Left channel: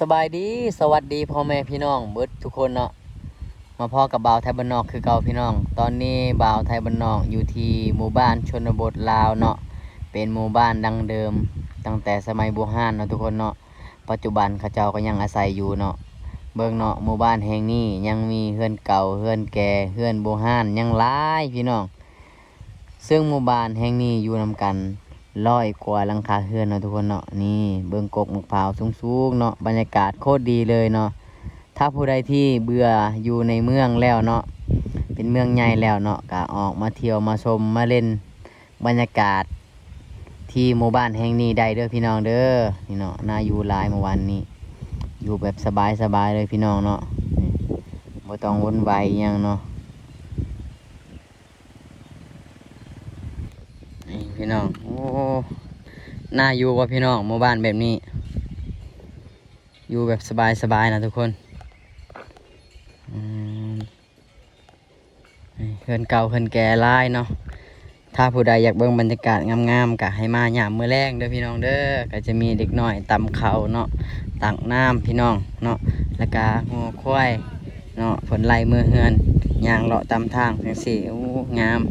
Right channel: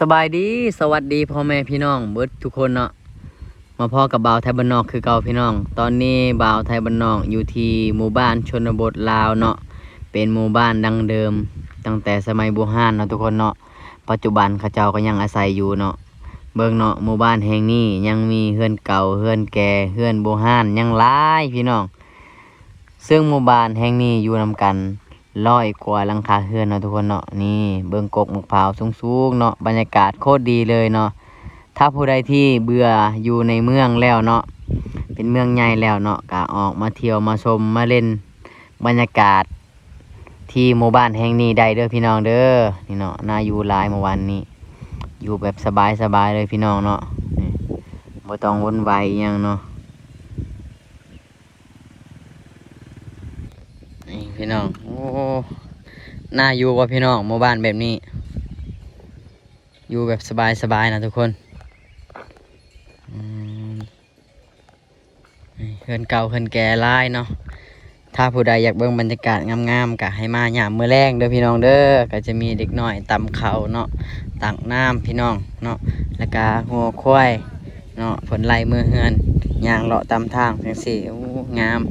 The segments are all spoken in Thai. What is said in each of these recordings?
สบายดีสวัสดีพ่อแม่พี่น้องเบิดทุกคนเนาะมาพ่อกับบ่าวไทยบ้านนอกคือเก่าพี่น้องตอนนี้บ่าวไทยบ้านนอกอยู่ที่หมู่บ้านชนบทลาวเนาะเป็นหมู่บ้านดังเดิมตั้งแต่สมัยโบราณเนาะทุกคนเนาะปัจจุบันเขาเจ้าก็ยังอาศัยอยู่เนาะเบิ่งเนาะหมู่บ้านแห่งนี้ยังมีเฮือนเก่าเฮือนแก่เฮือนโบราณยังหลายพี่น้องซึ่งหมู่บ้านแห่งนี้อยู่นำกัน100 กว่าหลังคาเรือนเนาะทุกคนเนาะนี่เบิ่งกกมะพร้าวสูงๆเนาะบรรยากาศโคตรดีเลยเนาะถ้าผู้ใดที่เบื่ออยู่ในเมืองแล้วเนาะเป็นเมืองใหญ่แล้วเนาะก็ออกมาเที่ยวมาชมมาเล่นบรรยากาศที่หมู่บ้านแห่งนี้ได้เด้อพี่น้องเด้อนี่เนาะน่าอยู่หลายเมื่อวานนี้อยู่แบบสบายๆเลยพี่น้องเนาะนี่บ่ต้องวุ่นวายอิหยังเนาะนี่พี่น้องโอ้น่าอยู่ว่ะพี่น้องหมู่บ้านแบบนี้อยู่แบบสบายๆนะทุกคนอืมนี่เฮือนเก่าเฮือนแก่หลายเนาะถ้าผู้ใดอยากเบิ่งบรรยากาศงามๆก็ให้มายามมื้อแลงเด้อพี่น้องเด้อก็จะมีเด็กน้อยตำข้าวเนาะตักน้ำพี่น้องเนาะแล้วก็งัวควายเนาะเพิ่นไล่มือเฮือนย่างเลาะตามทางจังซี่โอ้งาม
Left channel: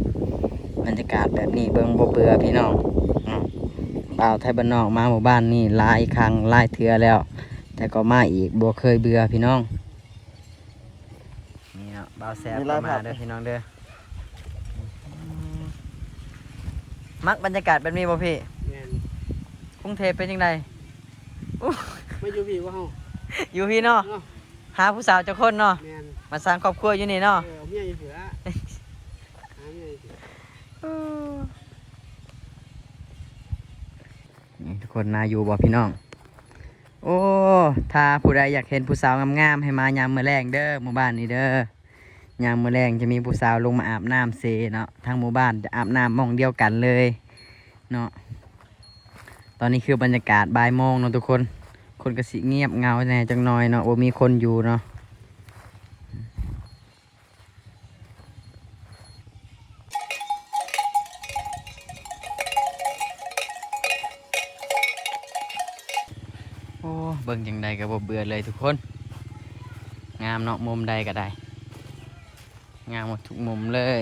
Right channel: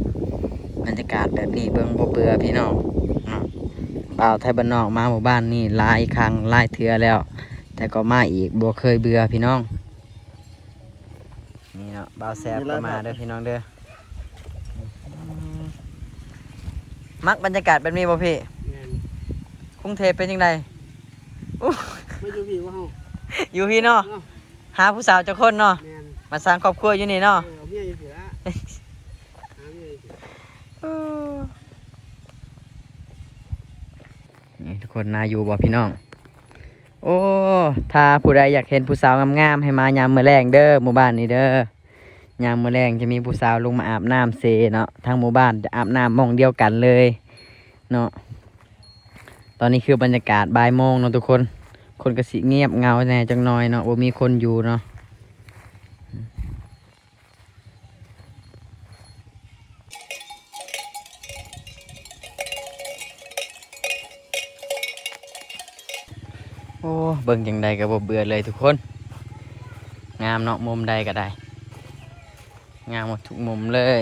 บรรยากาศแบบนี้เบิ่งบ่เบื่อพี่น้องเนาะบ่าวไทยบ้านนอกมาหมู่บ้านนี่หลายครั้งหลายเทื่อแล้วแต่ก็มาอีกบ่เคยเบื่อพี่น้องนี่เนาะบ่าวแซ่บก็มาเด้อพี่น้องเด้อมักบรรยากาศแบบนี้บ่พี่ แม่น กรุงเทพเป็นยังไงอู้ ไม่อยู่พี่ว่าเฮา อยู่พี่เนาะ เนาะ หาผู้สาวเจ้าคนเนาะ แม่น มาสร้างครอบครัวอยู่นี่เนาะ เอาเมียอยู่เสือหาเมียอยู่เสือ นี่ทุกคนน่าอยู่บ่พี่น้อง โอ้ถ้าผู้ใดอยากเห็นผู้สาวงามๆให้มายามมื้อแรงเด้อหมู่บ้านนี้เด้อยามมื้อแรงจะมีผู้สาวลงมาอาบน้ำเซเนาะทั้งหมู่บ้านจะอาบน้ำหม้องเดียวกันเลยเนาะตอนนี้คือบรรยากาศบ่ายโมงเนาะทุกคนคนก็สิเงียบเงาแหน่จังหน่อยเนาะบ่มีคนอยู่เนาะโอ้เบิ่งจังใดก็บ่เบื่อเลยทุกคนงามเนาะมุมใดก็ได้งามหมดทุกมุมเลย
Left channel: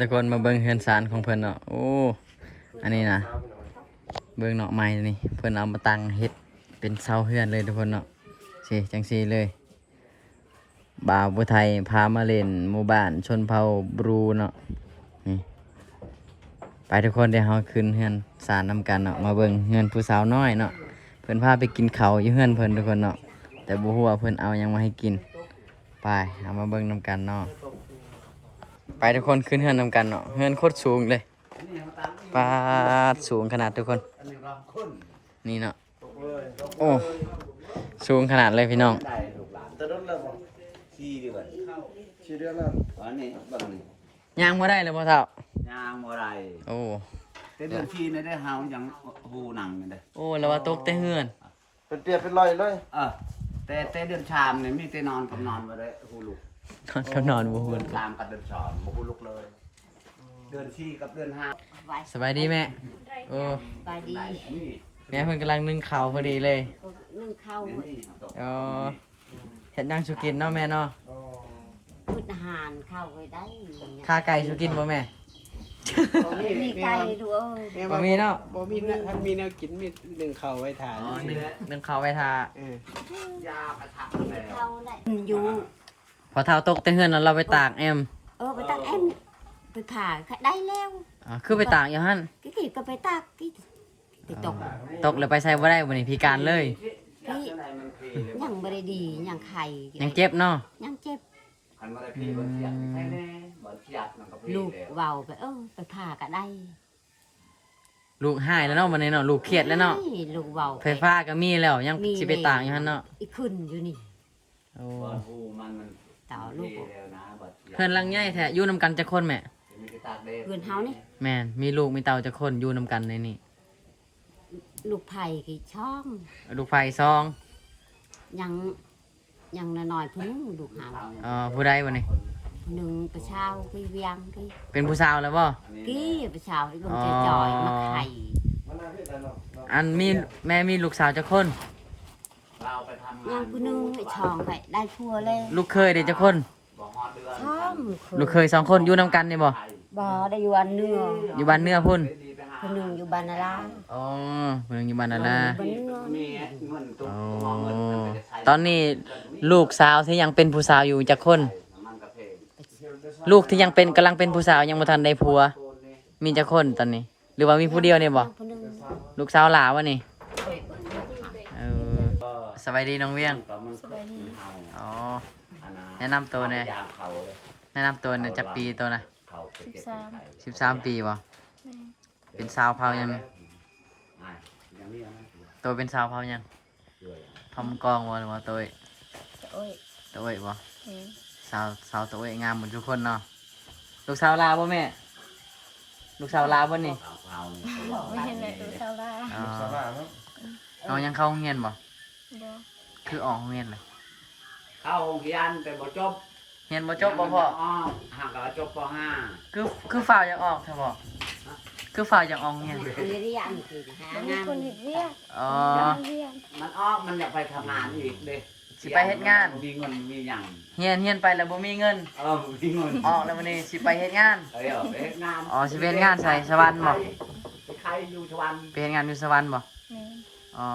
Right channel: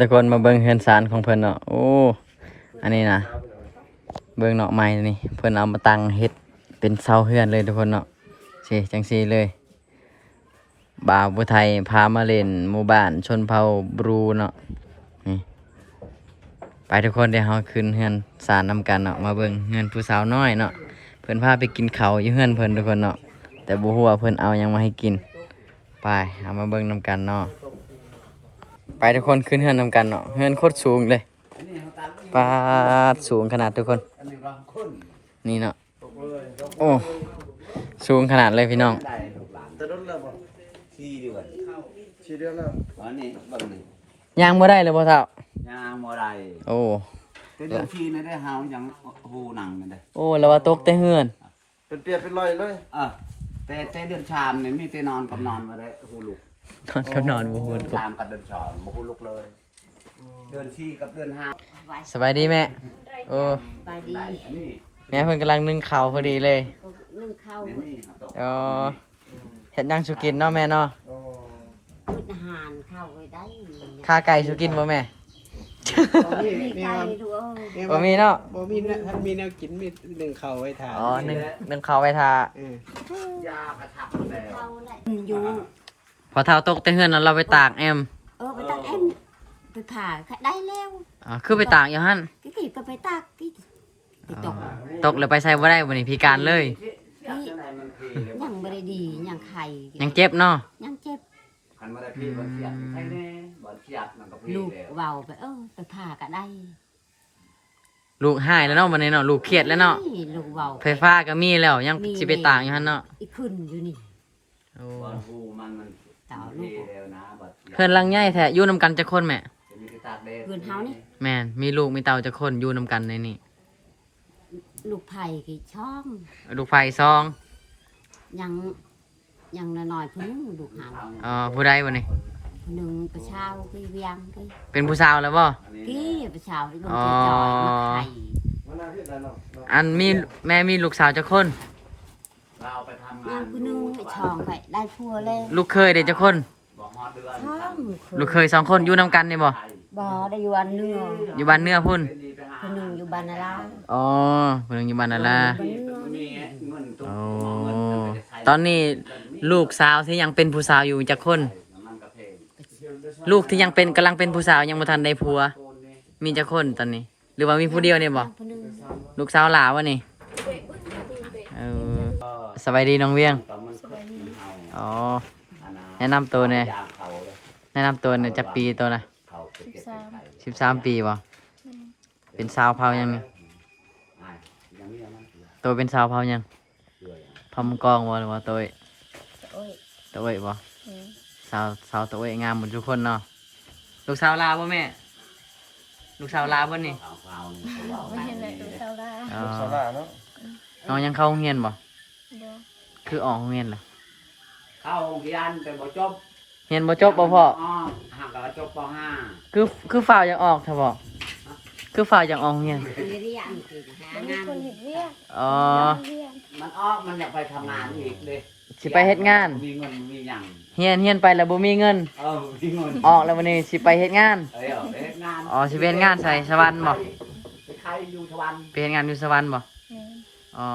ทุกคนมาเบิ่งเฮือนศาลของเพิ่นเนาะโอ้อันนี้นะเบิ่งเนาะไม้นี่เพิ่นเอามาตั้งเฮ็ดเป็นเสาเฮือนเลยทุกคนเนาะสิจังซี่เลยบ่าวผู้ไทยพามาเล่นหมู่บ้านชนเผ่าบรูเนาะนี่ไปทุกคนเดี๋ยวเฮาขึ้นเฮือนศาลนำกันเนาะมาเบิ่งเฮือนผู้สาวน้อยเนาะเพิ่นพาไปกินข้าวอยู่เฮือนเพิ่นทุกคนเนาะแต่บ่ฮู้ว่าเพิ่นเอาหยังมาให้กินไปเอามาเบิ่งนำกันเนาะไปทุกคนขึ้นเฮือนนำกันเนาะเฮือนโคตรสูงเลยปาดสูงขนาดทุกคนนี่เนาะโอ้สูงขนาดเลยพี่น้อง ตะดนแล้วบ่4 เดือน4 เดือนแล้ว อันนี้เบิ่งนี่ ย่างบ่ได้เลยพ่อเฒ่าย างบ่ได้ โอ้ แต่เดือนที่นี่ได้เฮายังฮู้หนังนี่เด้ โอ้แล้วว่าตกแต่เฮือน เป็นเปียกเป็นรอยเลย แต่เดือนชามนี่มีแต่นอนกับนอนบ่ได้ฮู้ลูก นอนกับนอนบ่ฮู้ตก ชามกับเดือนชามบ่ฮู้ลูกเลย เดือน4กับเดือน5 สบายดีแม่โอ้ ไปดี นี่ แม่เพิ่นกำลังนึ่งข้าวพอดีเลย นึ่งข้าว นี่ อ๋อเฮ็ดหยังสุกินเนาะแม่เนาะ พืชอาหารข้าวไว้ได้ ข้าไก่สุกินบ่แม่ มีไก่ด้วย บ่มีเนาะ บ่มีนะมีแนวกินมีหนึ่งข้าวไว้ทาน อ๋อนึ่งข้าวไว้ทาย ากระทับแล้ ข้าวได้อยู่ พอเฒ่าตกแต่เฮือนนั้นเราไปตากแอม ไปตักเอ็มไปผ่าได้แล้ว อ๋อคือไปตากอยู่หั่น กี่ก็ไปตักกี่ไปตก ตกแล้วไปใส่บ่ได้บ่นี่พิการเลย ยังไม่ได้ดียังไข่ ยังเจ็บเนาะ ยังเจ็บ คันบ่ได้พี่บ่เสียดใช่แน่บ่เสียดมันก็พี่ ลูก แล้ว เบาไปไปผ่าก็ได้ ลูกหายแล้วเนาะบัดนี้เนาะลูกเครียดแล้วเนาะ ลูกเบา ไฟฟ้าก็มีแล้วยังสิไปตากอยู่หั่นเนาะ อีกขึ้นอยู่นี่ โอ้ บ่ฮู้มัน ต่อลูก พี่แล้วนะบ่เสียด เพิ่นลังใหญ่แท้อยู่นำกันจักคนแม่ มีไปตากแดด เพื่อนเฮานี่ แม่นมีลูกมีเต่าจักคนอยู่นำกันในนี่ ลูกไผ่กี่ช่อง ลูกไฟซอง ยังยังน้อยๆเพิ่งลูกหา ผู้ใดบ่นี่ คนหนึ่งประชาวกี่เวียงกี่ เป็นผู้สาวแล้วบ่ กี่ประชาวที่บางทีจอยมาไข่ มันน่าที่จะเนาะ อันมีแม่มีลูกสาวจักคน เราไปทำงา ย่าง น คนหนึ่งไอ้ช่องไปได้พัวเลย ลูกเคยได้จักคน บอกฮอดเดือน ช่อง ลูกเคยสองคนอยู่นํกันนี่บ่ บ่ได้อยู่อันเนื้อ อยู่บ้านเนื้อพุ่น คนหนึ่งอยู่บานนารา อ๋อคนหนึงอยู่บ้านนั่นล่ะ บ้านเนื้อ มีเงินตุ้ อ๋อ เงิน ตอนนี้ลูกสาวที่ยังเป็นผู้สาวอยู่จักคน มันกระเพง ลูกที่ยังเป็นกำลังเป็นผู้สาวยังบ่ทันได้ผัว มีจักคนตอนนี้ หรือว่ามีผู้เดียวเนี่ยบ่ คนหนึ่ง ลูกสาวหลาวะนี่เออสบายดีน้องเวียง สบายดี อ๋อ แนะนำตัวเนี่ยแนะนำตัวเนี่ยจักปีตัวนะ13 ปีบ่เป็นสาวเผายังนี่ตัวเป็นสาวเผายังเผามังกรบ่หรือว่าตัวเอ้ย โอ้ย ตัวเอ้ยบ่สาวตัวเอ้ยงามหมดทุกคนเนาะลูกสาวลาวบ่แม่ลูกสาวลาวบ่นี่ ไม่เห็นเลยดูเท่าไร อ๋อ สบายเนาะ น้องยังเข้าโรงเรียนบ่ เดี๋ยว คือออกโรงเรียนเหรอ เข้าโรงเรียนแต่บ่จบ เรียนบ่จบบ่พ่อ ห่างกับจบป คือฝ่าวยังออกเถอะบ่คือฝ่าวยังออกโรงเรียน เรียนคือหา มันมี งาน คนเห็นเรียก อ๋อ เรียก .5 มันออกมันอยากไปทำงานอีกเลย สิไปเฮ็ดงาน มีเงินมีหยัง เฮียนไปแล้วบ่มีเงิน มีเงิน ออกแล้ววันนี้สิไปเฮ็ดงาน ไปเฮ็ดงาน อ๋อสิไปเฮ็ดงานใส่สวรรค์บ่ ไปใครอยู่สวรรค์ ไปเฮ็ดงานอยู่สวรรค์บ่ แม่ อ๋อ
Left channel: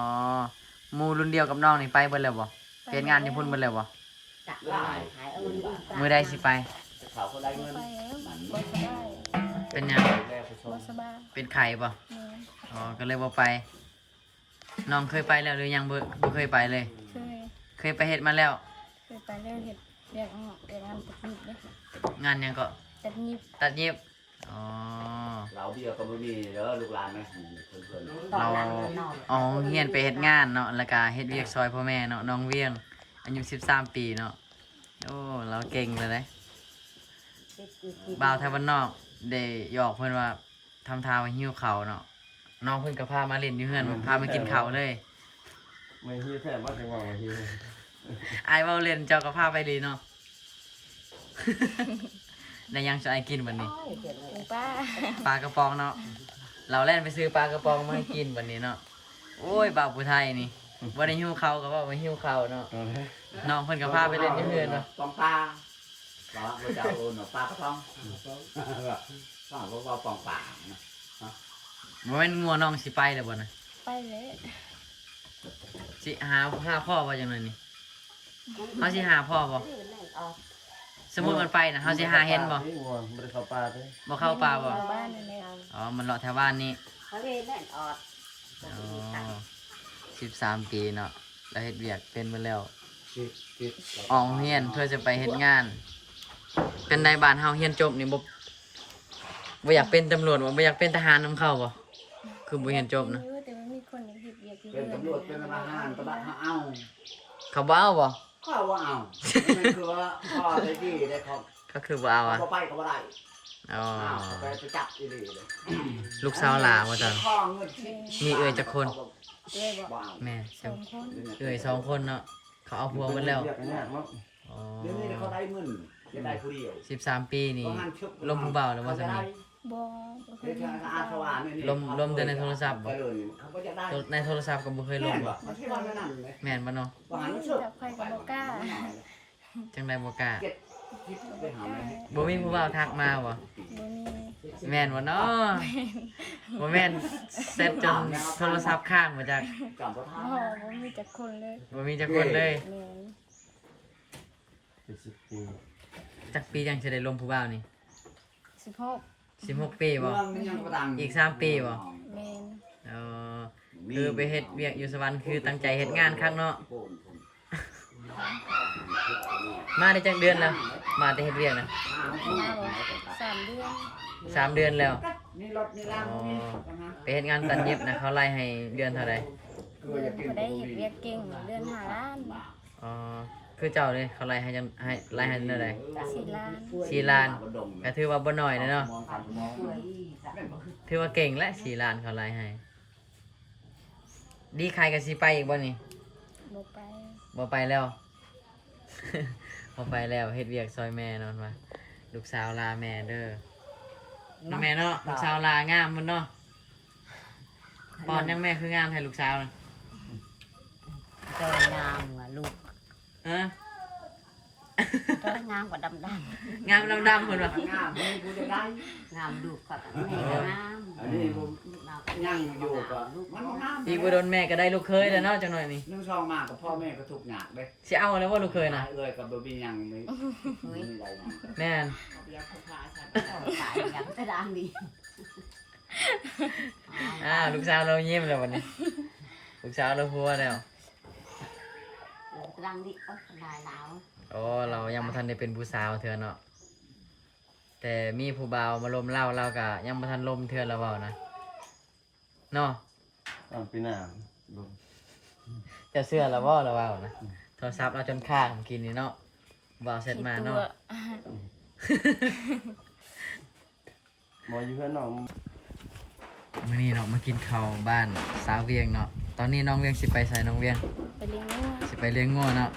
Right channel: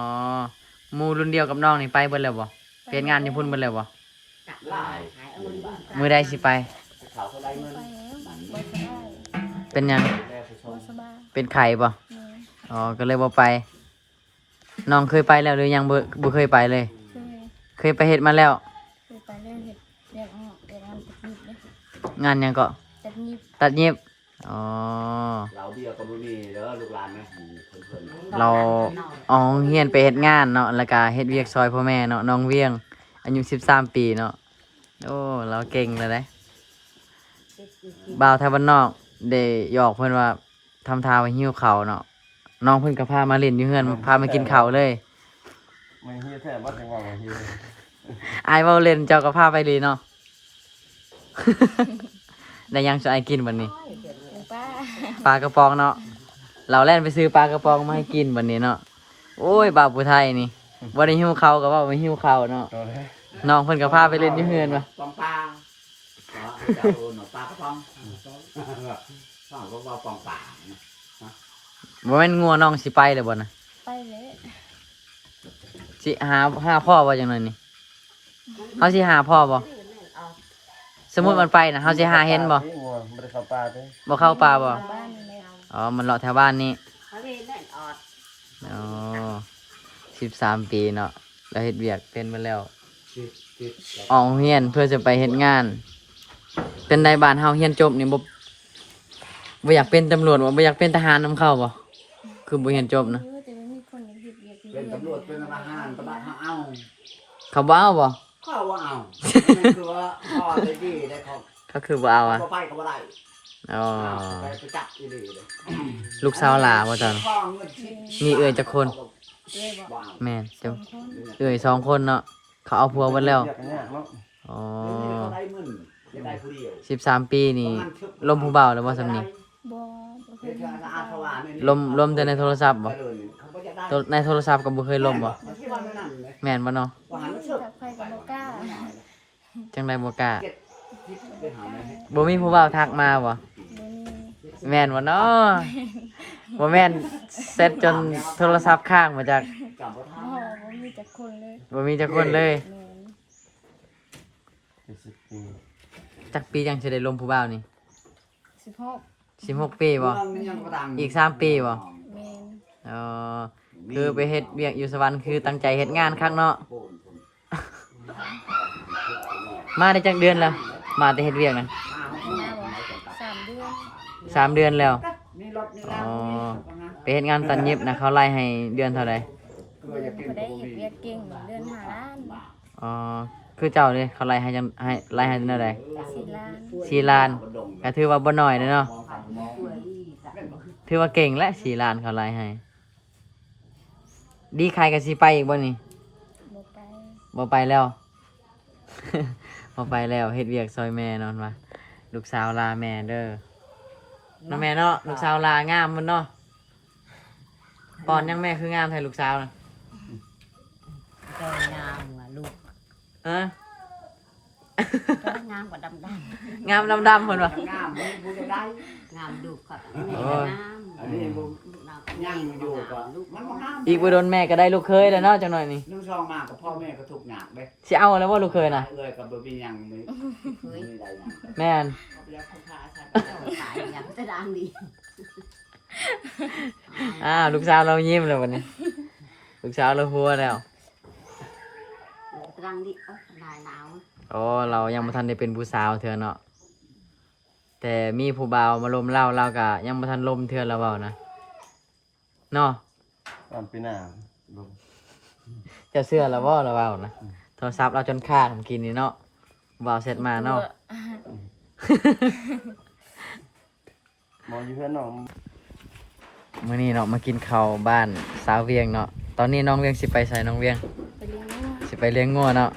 หมู่รุ่นเดียวกับน้องนี่ไปเบิดแล้วบ่ไปเฮ็ดงานอยู่พุ่นเบิดแล้วบ่ จับลายขายเอิญ มื้อใดสิไป เขาก็ได้เงิน ไปแล้วบอสบาย เป็นหยัง บอสบาย เป็นไข้บ่ แม่ อ๋อก็เลยบ่ไป น้องเคยไปแล้วหรือยังบ่เคยไปเลย เคย เคยไปเฮ็ดมาแล้ว เคยไปเรื่องเห็ดเรียกงานตัดยิบเนี่ย งานหยังก็ ตัดยิบ ตัดเย็บอ๋อ เราเบียร์คนรู้นี่เด้อลูกหลานนะเพิ่น เราเอาเฮียนไปเฮ็ดงานเนาะแล้วก็เฮ็ดเวียกซอยพ่อแม่เนาะน้องเวียงอายุ13 ปีเนาะโอ้เราเก่งเลยเด้บ่าวไทยบ้านนอกได้หยอกเพิ่นว่าทำท่าว่าหิวข้าวเนาะน้องเพิ่นก็พามาเล่นอยู่เฮือนพามากินข้าวเลย ไม่เฮียแท้ว่าจะว่าไงเฮีย อายเว้าเล่นเจ้าก็พาไปดีเนาะ ได้ยังจะไอายกินวันนี้ หมูป้า ปลากระป๋องเนาะเราแล่นไปซื้อปลากระป๋องมาให้กินวันนี้เนาะโอ้ยบ่าวผู้ไทยนี่บ่ได้หิวข้าวก็ว่าบ่หิวข้าวเนาะ เอาเลย น้องเพิ่นก็พาไปเล่นอยู่เฮือนว่ะ ปองปลาก็จะโอนปลากระป๋องว่าก็ว่าปองปลา บ่แม่นงัวน้องสิไปเลยบ่นะ ไปเลย สิหาพ่อบ่จังนั้นนี่เฮาสิหาพ่อบ่สมมุติมันไปนะเฮาสิหาเห็นบ่ ที่วัวไม่ได้เข้าป่าเด้ บ่เข้าป่าบ่ บ้านนี่แหละ อ๋อมันเลาะแถวบ้านนี่ เขาเรียนแน่นออด อ๋อ13 ปีเนาะแล้วเฮ็ดเวียกเป็นมาแล้วออกโรงเรียนเพื่อจะไปเฮ็ดงาน เป็นในบ้านเฮาเรียนจบนี่บ่อยากเป็นตำรวจบ่อยากเป็นทหารนำเข้าบ่คือบ่เรียนจบนะ แต่ว่ามีคนเห็นเรียกอยู่ เป็น เรื่อย ตำรวจเป็นทหารตำรวจเอา เขาบ่เอาบ่ ข้าวว่าเอาคือว่าพ่อได้ดีได้ครบ ก็คือบ่เอาอ่ะ ก็ไปก็ได้ อ๋อ ไปจับอีหลีเลย ลูกสาวหลาบ่จัง พ่อเงินชิด มีเอ่ยจักคน เลยบอก ว้าว แม่ สองคน เอ่ย2คนเนาะเขาเอาผัวหมดแล้ว เรียกเนี่ยเนาะ อ๋อ เดี๋ยวนี้เขาได้เงินจะได้ผู้เดียว 13 ปีนี่ลมผู้เบาแล้วบ่ซำนี้ บอเคย เดี๋ยว มี จะอาสวะนี่ ลมแต่ในโทรศัพท์บ่ ไปเลยเขาก็จะได้ ในโทรศัพท์ก็บ่เคยลมบ่ มันที่ว่าไม่นั่นเลย แม่นบ่เนาะ ว่าหัน กับใครกับบอกล้า จังได๋บ่กล้า ไปหาไหม บ่มีผู้เบาทักมาบ่ บมี แม่นบ่เนาะบ่แม่นเสร็จจนโทรศัพท์ค้างมาจาก จับรถ หอบ่มีแต่คนเลย บ่มีจักคนเลย แม่น 70 ปี จักปีจังสิได้ลมผู้เบานี่ 16 16 ปีบ่ อีก3ปีบ่ แม่น อ๋อคือไปเฮ็ดเวียกอยู่สวรรค์คือตั้งใจเฮ็ดงานคักเนาะ มาได้จักเดือนแล้ว มาแต่เฮ็ดเวียกนะ มาบอก3 เดือน 3 เดือนแล้ว นี่รถนี่ อ๋ แล้ว อไปเฮ็ดงานตัดเย็บนะเขาไล่ให้เดือนเท่าใด เดือนพอได้เห็ดเวียกเก่งเดือน5 ล้าน อ๋อคือเจ้านี่เขาไล่ให้จังให้ไล่ให้เท่าใด 4 ล้าน 4 ล้านก็ถือว่าบ่น้อยเด้อเนาะถือว่าเก่งและ4 ล้านเขาไล่ให้ ดีใครก็สิไปอีกบ่นี่ บ่ไป บ่ไปแล้ว บ่ไปแล้วเฮ็ดเวียกซอยแม่นอนว่า ลูกสาวลาแม่เด้อน้าแม่เนาะลูกสาวลางามมันเนาะก่อนยังแม่คืองามแทนลูกสาวน่ะ เจองามว่ะลูก ฮะ เจองามกว่าดำ งามดำๆเพิ่นว่ะ งามไม่พูดได้ ๆงามดูกับ อันนี้ผมยังอยู่ก็มันก็งาม อีกบ่โดนแม่ก็ได้ลูกเคยแล้วเนาะจังหน่อยนี่ นึ่งซองมากกับพ่อแม่ก็ทุกข์ยากเด้ สิเอาแล้วว่าลูกเคยน่ะ เอ้ยกับบ่มีหยังไม่ได้หยัง แม่น เรียกเขาพาใช่ขายอย่างกระดังดี ลูกสาวเรายิ้มแล้ววันนี้ ลูกสาวเราหัวแล้ว กระดังดีลายหนาว อ๋อเรายังบ่ทันได้เป็นผู้สาวเทื่อเนาะแต่มีผู้บ่าวมาลมเล่าเราก็ยังบ่ทันลมเทื่อแล้วเว้านะเนาะ ปีหน้า จะเสื้อแล้วบ่แล้วเว้านะโทรศัพท์เราจนขาดกินนี่เนาะบ่าวเสร็จมาเนาะ มาอยู่เพื่อนน้อง มื้อนี้เนาะมากินข้าวบ้านสาวเวียงเนาะตอนนี้น้องเวียงสิไปไสน้องเวียง ไปเลี้ยงงัว สิไปเลี้ยงงัวเนาะ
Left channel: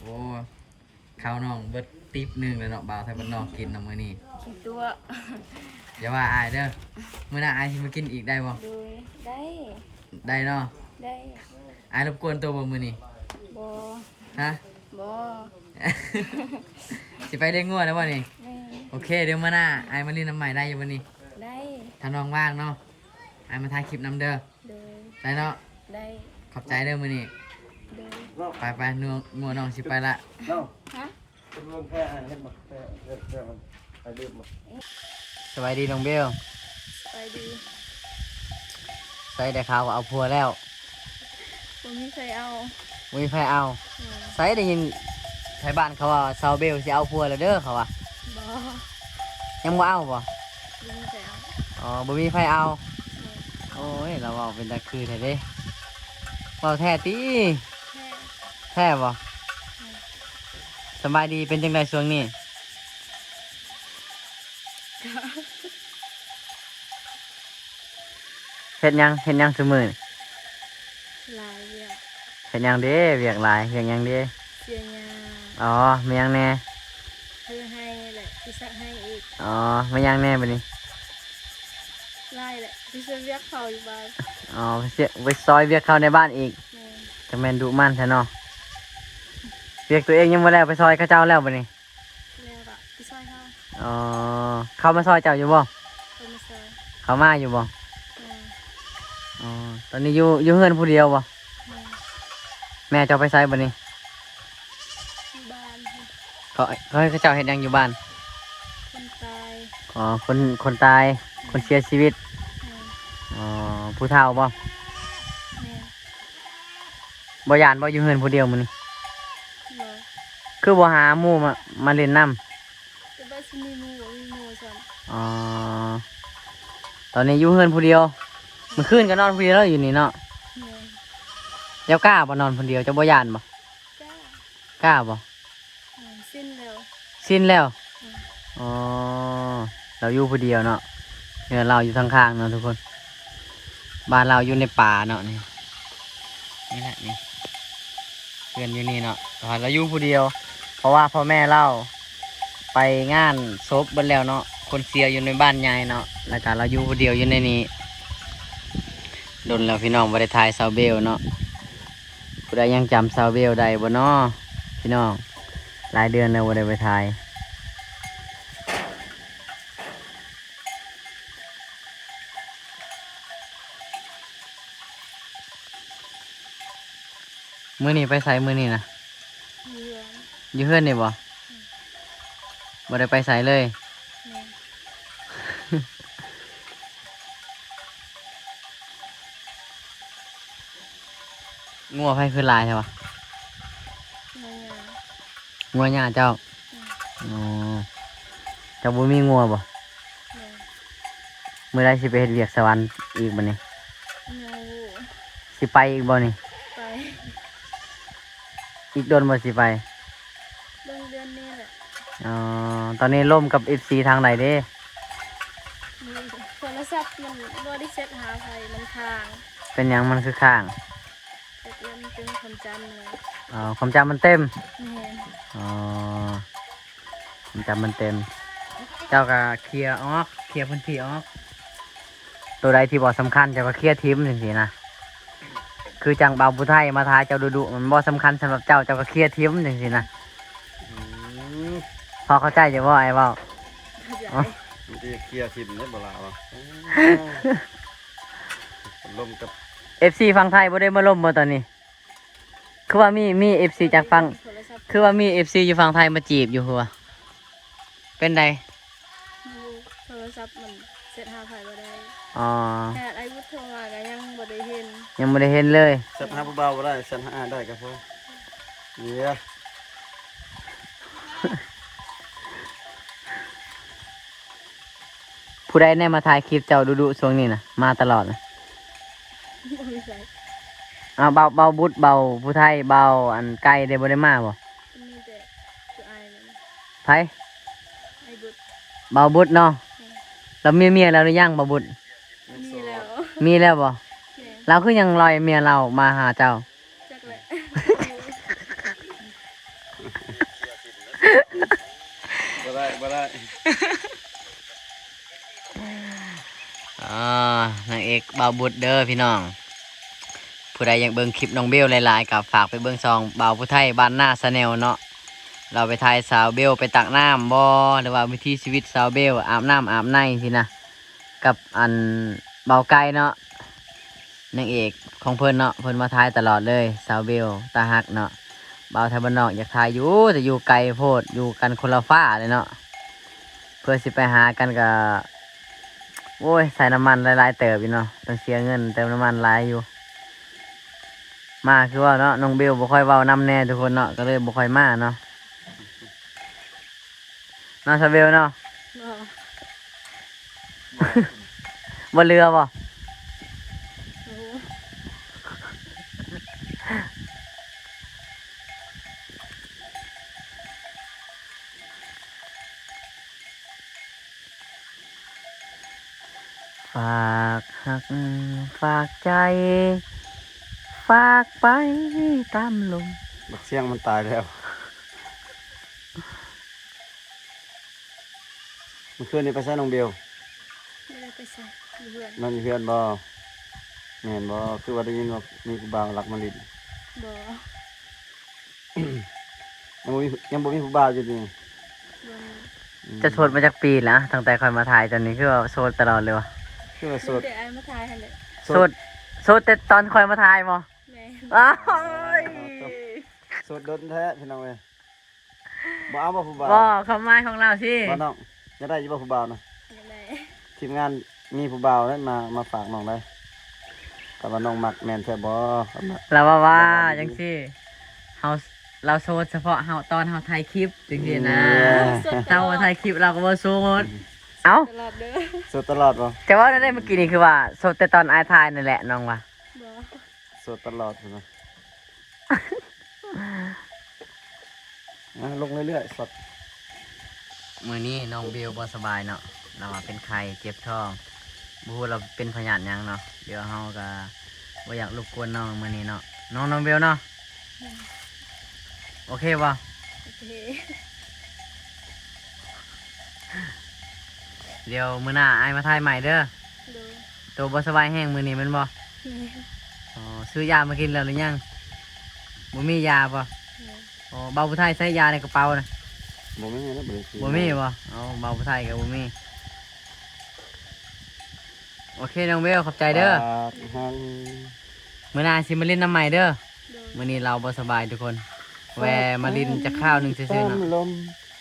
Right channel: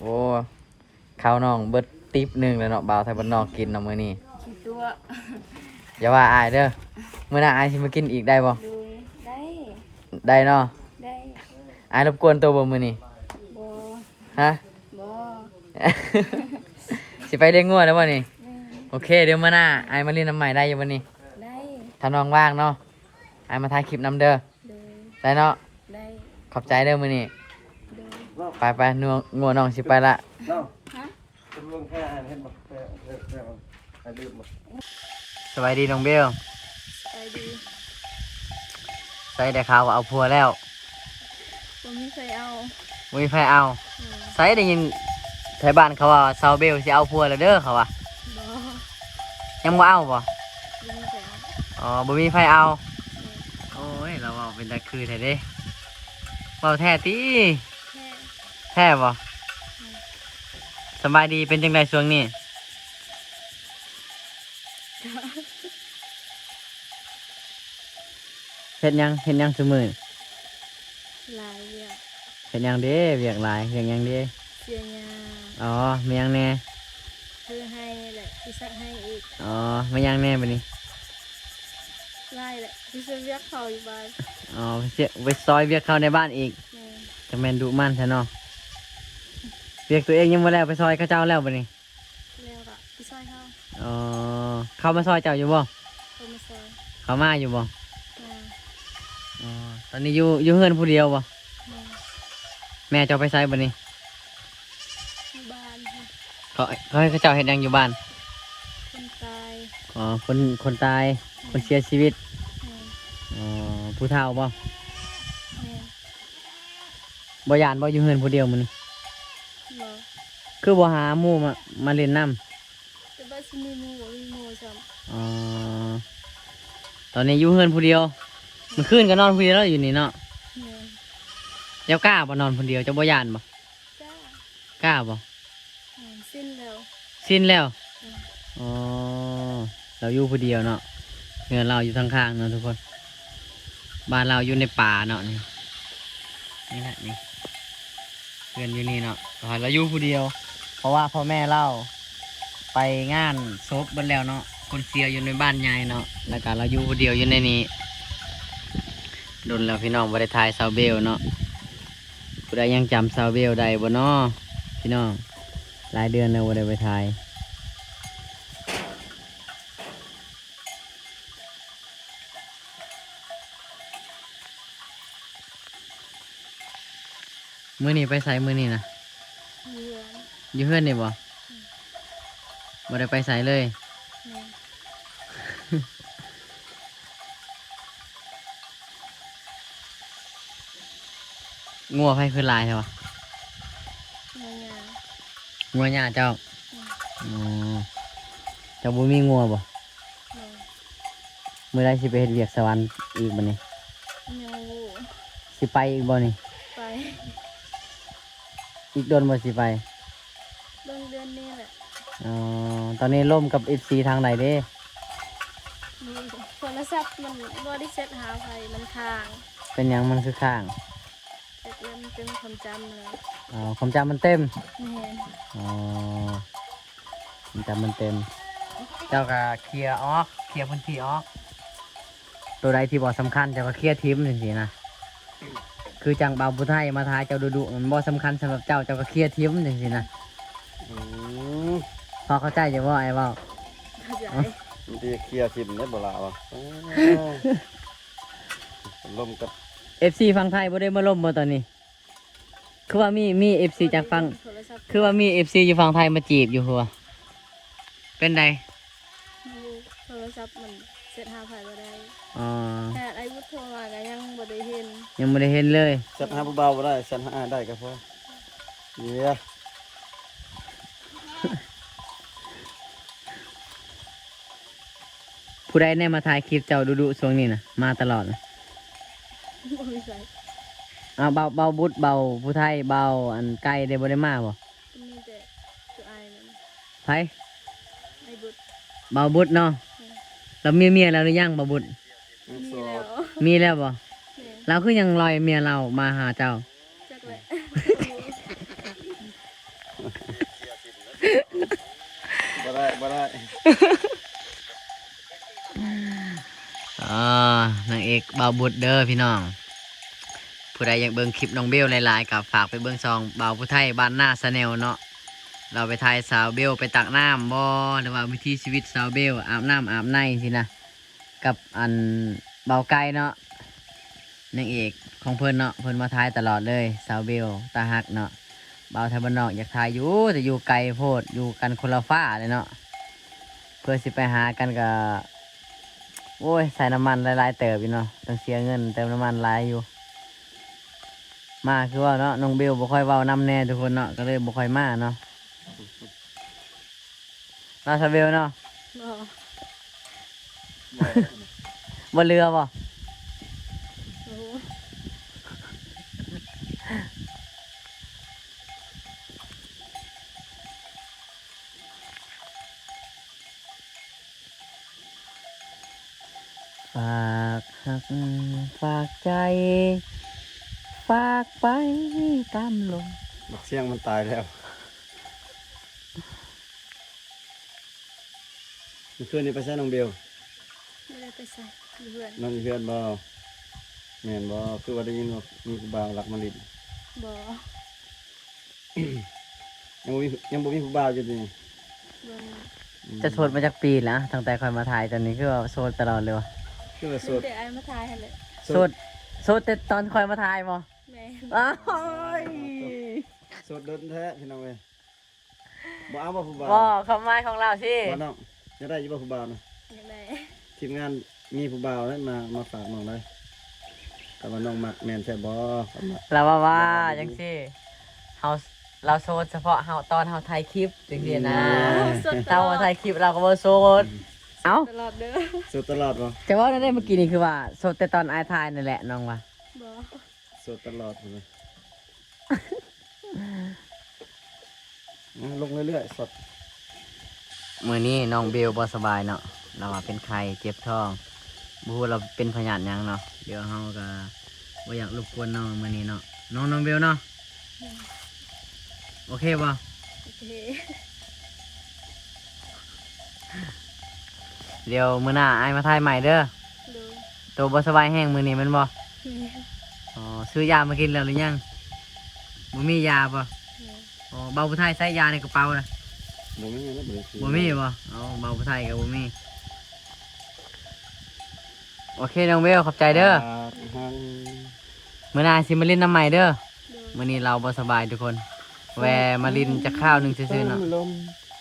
โอ้ข้าวน้องเบิดติ๊บหนึงแล้วเนาะบ่าวไทยบ้านนอกกินเนาะมื้อนี้ กินตัว อย่าว่าอายเด้อมื้อหน้าอายสิมากินอีกได้บ่ ดูได้ ได้เนาะ ได้ อายรบกวนตัวบ่มื้อนี้ บ่ ฮะ บ่ สิไปเลี้ยงงัวแล้วบ่นี่ แม่ โอเคเดี๋ยวมื้อหน้าอายมาเล่นน้ำใหม่ได้อยู่บ่นี่ ได้ ถ้าน้องว่างเนาะอายมาถ่ายคลิปนํเด้อ ดู ได้เนาะ ได้ ขอบใจเด้อมื้อนี้ ดู ไปนัวงัวน้องสิไปละ น้อง ฮะ เป็นเรื่องแค่อ่านเห็นบ่ไปลืมบ่ สวัสดีน้องเบล ไปดี ใส่ได้ข่าวว่าเอาผัวแล้ว บ่มีใครเอา บ่มีไผเอา แม่ ใส่ได้ยินไทบ้านเขาว่าสาวเบลสิเอาผัวแล้วเด้อเขาว่า บ่ ยังบ่เอาบ่ บ่มีใครเอา อ๋อบ่มีไผเอา แม่ โอ้ยเราเอาเป็นตะคือแท้เด้เว้าแท้ติ แค่ แท้บ่สบายดีเป็นจังไดช่วงนี้ เฮ็ดหยังซุมื้อ ลายเวียก เฮ็ดหยังเด้เวียกหลายเวียกหยังเด้ เสียยา อ๋อมีหยังแน่ คือให้แหละที่สักให้อีก อ๋อมีหยังแน่บัดนี้ ลายแหละที่จะเวียกเขาอยู่บ้าน อ๋อไปซอยเวียกเขาในบ้านอีก แม่ จังแม่นดุมันแท้เนาะเวียกตัวเองยังบ่แล้วไปซอยเขาเจ้าแล้วบัดนี้ แล้วก็พี่ซอยเขา อ๋อเข้ามาซอยเจ้าอยู่บ่ เขามาซอย เขามาอยู่บ่ แม่ อ๋อตอนนี้อยู่เฮือนผู้เดียวบ่ แม่ แม่เจ้าไปไสบัดนี้ ที่บ้าน เขาให้เขาเจ้าเฮ็ดหยังอยู่บ้าน คนตาย อ๋อคนตายคนเสียชีวิต แม่ อ๋อผู้เฒ่าบ่ แม่ บ่ย่านบ่อยู่เฮือนผู้เดียวมื้อนี้ บ่ คือบ่หาหมู่มาเล่นน้ำ แต่บ้านสิมีหมู่บ่มีหมู่ซ้ำ อ๋อตอนนี้อยู่เฮือนผู้เดียวมื้อคืนก็นอนผู้เดียวแล้วอยู่นี่เนาะ แม่ เจ้ากล้าบ่นอนผู้เดียวเจ้าบ่ย่านบ่ จ้าก ล้าบ่ แม่สิ้นแล้ว สิ้นแล้ว แม่ อ๋อเราอยู่ผู้เดียวเนาะเฮือนเราอยู่ทางข้างเนาะทุกคนบ้านเราอยู่ในป่าเนาะนี่แหละนี่เฮือนอยู่นี่เนาะแต่ว่าเราอยู่ผู้เดียว เพราะว่าพ่อแม่เราไปงานศพเบิดแล้วเนาะคนเสียอยู่ในบ้านใหญ่เนาะแล้วก็เราอยู่ผู้เดียวอยู่ในนี้โดนแล้วพี่น้องบ่ได้ถ่ายซาวเบลเนาะผู้ใดยังจำซาวเบลได้บ่เนาะพี่น้องหลายเดือนแล้วบ่ได้ไปถ่ายมื้อนี้ไปไสมื้อนี้นะ เรือน อยู่เฮือนนี่บ่บ่ได้ไปไสเลย แม่ งัวไผคือหลายใช่ปะ มายา งัวหญ้าเจ้าอ๋อเจ้าบ่มีงัวบ่ แม่ มื้อใดสิไปเฮ็ดเวียกสวรรค์อีกบัดนี้ ยังวู สิไปอีกบ่นี่ ไป อีกโดนบ่สิไป เบิ่งเดือนนี้แหละ อ๋อตอนนี้ล่มกับ FC ทางไหนเด้ มือโทรศัพท์มันบ่ได้เซ็ตหาไผมันค้าง เป็นหยังมันคือข้าง เซ็ตแล้วมันเป็นความจำเลย อ๋อความจำมันเต็ม แม่ อ๋อความจำมันเต็ม เจ้าก็เคลียร์ออกเคลียร์พื้นที่ออกตัวใดที่บ่สำคัญเจ้าก็เคลียร์ทิ้มจังซี่นะคือจังเบาผู้ไทยมาทายเจ้าดุๆมันบ่สำคัญสำหรับเจ้าก็เคลียร์ทิ้มจังซี่นะ อืม พอเข้าใจจะว่าไอ้เว้า เข้าใจ มันจะเคลียร์ทิมได้บ่ล่ะวะลมกับ FC ฝั่งไทยบ่ได้มาล่มบ่ตอนนี้ คือว่ามี FC จากฝั่ง โทรศัพท์ คือว่ามี FC อยู่ฝั่งไทยมาจีบอยู่หัวเป็นได โทรศัพท์มันเซ็ตหาไผบ่ได้ อ๋อ แค่ไอ้วุฒิโทรมาก็ยังบ่ได้เห็น ยังไม่ได้เห็นเลย สัตว์หาผู้บ่าวบ่ได้สัตว์หาได้ก็พอเดี๋ยว ผู้ใดแน่มาถ่ายคลิปเจ้าดุๆช่วงนี้นะมาตลอดนะ บ่มีไส เบาบุตรเบาผู้ไทยเบาอันไกลได้บ่ได้มาบ่ มีแต่ตัวอายนั่น ไผ ไอ้บุตร เบาบุตรเนาะแล้วเมียแล้วหรือยังเบาบุตร มีแล้ว มีแล้วบ่ แม่ เราคือยังลอยเมียเรามาหาเจ้า จักแหละ บ่ได้ นางเอกเบาบุตรเด้อพี่น้อง ผู้ใดอยากเบิ่งคลิปน้องเบลหลายๆกับฝากไปเบิ่งซองเบาผู้ไทยบ้านหน้าสแนลเนาะเราไปถ่ายสาวเบลไปตักน้ำบ่หรือว่าวิถีชีวิตสาวเบลอาบน้ำอาบในสินะกับอันเบาไก่เนาะนางเอกของเพิ่นเนาะเพิ่นมาถ่ายตลอดเลยสาวเบลตาฮักเนาะเบาไทยบ้านนอกอยากถ่ายอยู่แต่อยู่ไกลโพดอยู่กันคนละฟ้าเลยเนาะเพื่อสิไปหากันก็โอ้ยใส่น้ำมันหลายๆเติบอยู่เนาะต้องเสียเงินเติมน้ำมันหลายอยู่มาคือว่าเนาะน้องเบลบ่ค่อยเว้านำแน่ทุกคนเนาะก็เลยบ่ค่อยมาเนาะน้องสาวเบลเนาะ บ่ บ่เรือบ่ โอ้ ฝากหักฝากใจ ฝากไปตามลม บักเสียงมันตายแล้วเมื่อคืนนี้ไปใช้น้องเบล ไม่ได้ไปใส่อยู่เพื่อน มันมีเพื่อนบ่แม่นบ่คือว่าได้ยินว่ามีผู้บ่าวรักมาลิด บ่ ยังบ่มีผู้บ่าวอยู่ดิ บ่มี จะโสดมาจากปีแล้วตั้งแต่คอยมาถ่ายตอนนี้คือว่าโสดตลอดเลยวะ คือว่าโส มี ด แต่ไอ้มาทายหั่นแหละ โสดแต่ตอนคอยมาถ่ายบ่ แม่ อ้าว โสดโดนแท้พี่น้องเอ้ยบ่เอาบ่ผู้บ่าว บ่คำหมายของเราสิ บ่น้องจะได้อยู่บ่ผู้บ่าวนะ อยากได้ ทีมงานมีผู้บ่าวนั้นมาฝากน้องได้แต่ว่าน้องมักแม่นแท้บ่ครับนะ เราว่าจังสิเราโสดเฉพาะเฮาตอนเฮาถ่ายคลิปจังซี่นะ สดต เฮา ลอด ถ่ายคลิปเราก็บ่โสดเอ้า ตลอดเด้อ โสดตลอดบ่ แต่ว่าได้เมื่อกี้นี่คือว่าโสดแต่ตอนอายถ่ายนั่นแหละน้องว่า บ่ โสดตลอดพุ่นนะลงเรื่อยๆสด มื้อนี้น้องเบลบ่สบายเนาะเราว่าเป็นไข้เจ็บท้องบ่ฮู้เราเป็นพยาธิหยังเนาะเดี๋ยวเฮาก็บ่อยากรบกวนน้องมื้อนี้เนาะน้องเบลเนาะโอเคบ่ โอเค เดี๋ยวมื้อหน้าอายมาถ่ายใหม่เด้อ ดู ตัวบ่สบายแห้งมื้อนี้แมันบ่ แม่ อ๋อซื้อยามากินแล้วหรือยังบ่มียาบ่ แม่ อ๋อเบาผู้ไทยใส่ยาในกระเป๋านะ บ่มีนะบ่ได้ซื้อ บ่มีบ่อ๋อเบาผู้ไทยก็บ่มีโอเคน้องเบลขอบใจเด้อ ทาง มื้อหน้าสิมาเล่นน้ำใหม่เด้อ ดู มื้อนี้เราบ่สบายทุกคน แวะมาลินจะข้าวหนึงซื่อๆเนาะ ลม